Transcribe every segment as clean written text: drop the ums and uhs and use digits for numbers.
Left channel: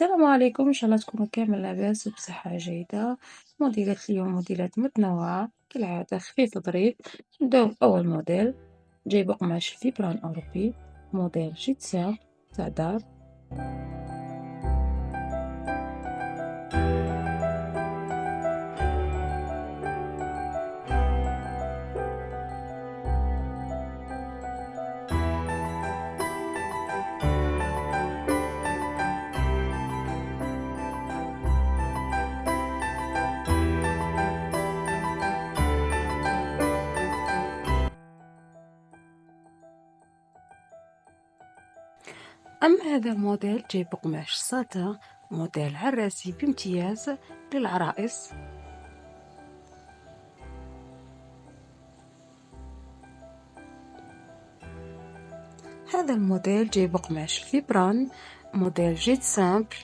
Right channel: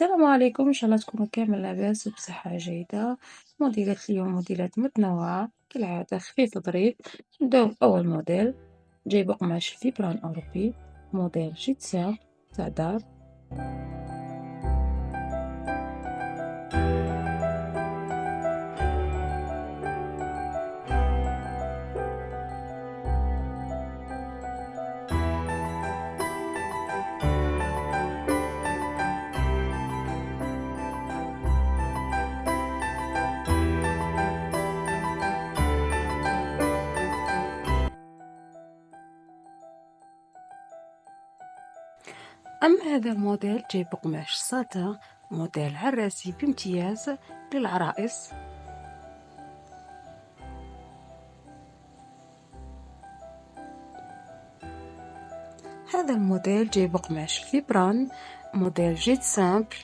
السلام عليكم، إن شاء الله تكونوا كامل لاباس وبصحة جيدة. موديلات اليوم موديلات متنوعة كالعادة خفيف ظريف. نبداو بأول موديل، جايب قماش فيبران أوروبي، موديل جيتسا تاع دار. أما هذا الموديل جايب قماش ساتان، موديل عراسي بامتياز للعرائس. هذا الموديل جايب قماش فيبران، موديل جيت سامبل.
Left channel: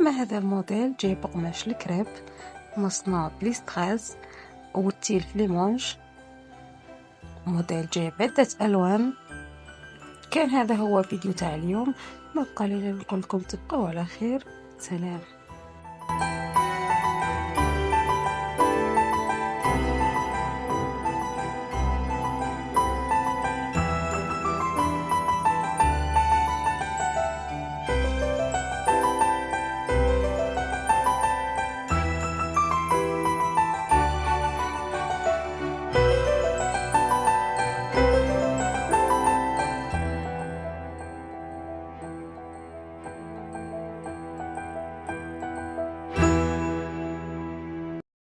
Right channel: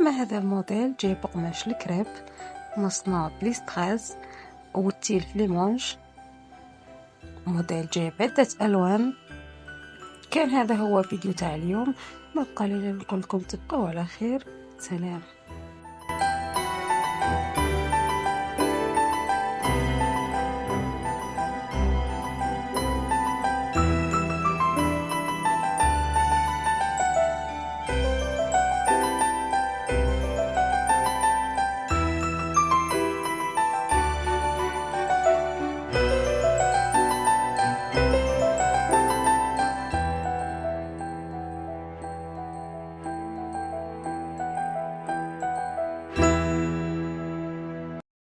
أما هذا الموديل جايب قماش الكريب، مصنوع بليستغاز والتيل فليمونج، موديل جايب عدة ألوان. كان هذا هو فيديو تاع اليوم، ما بقى لي غير نقول لكم تبقوا على خير. سلام.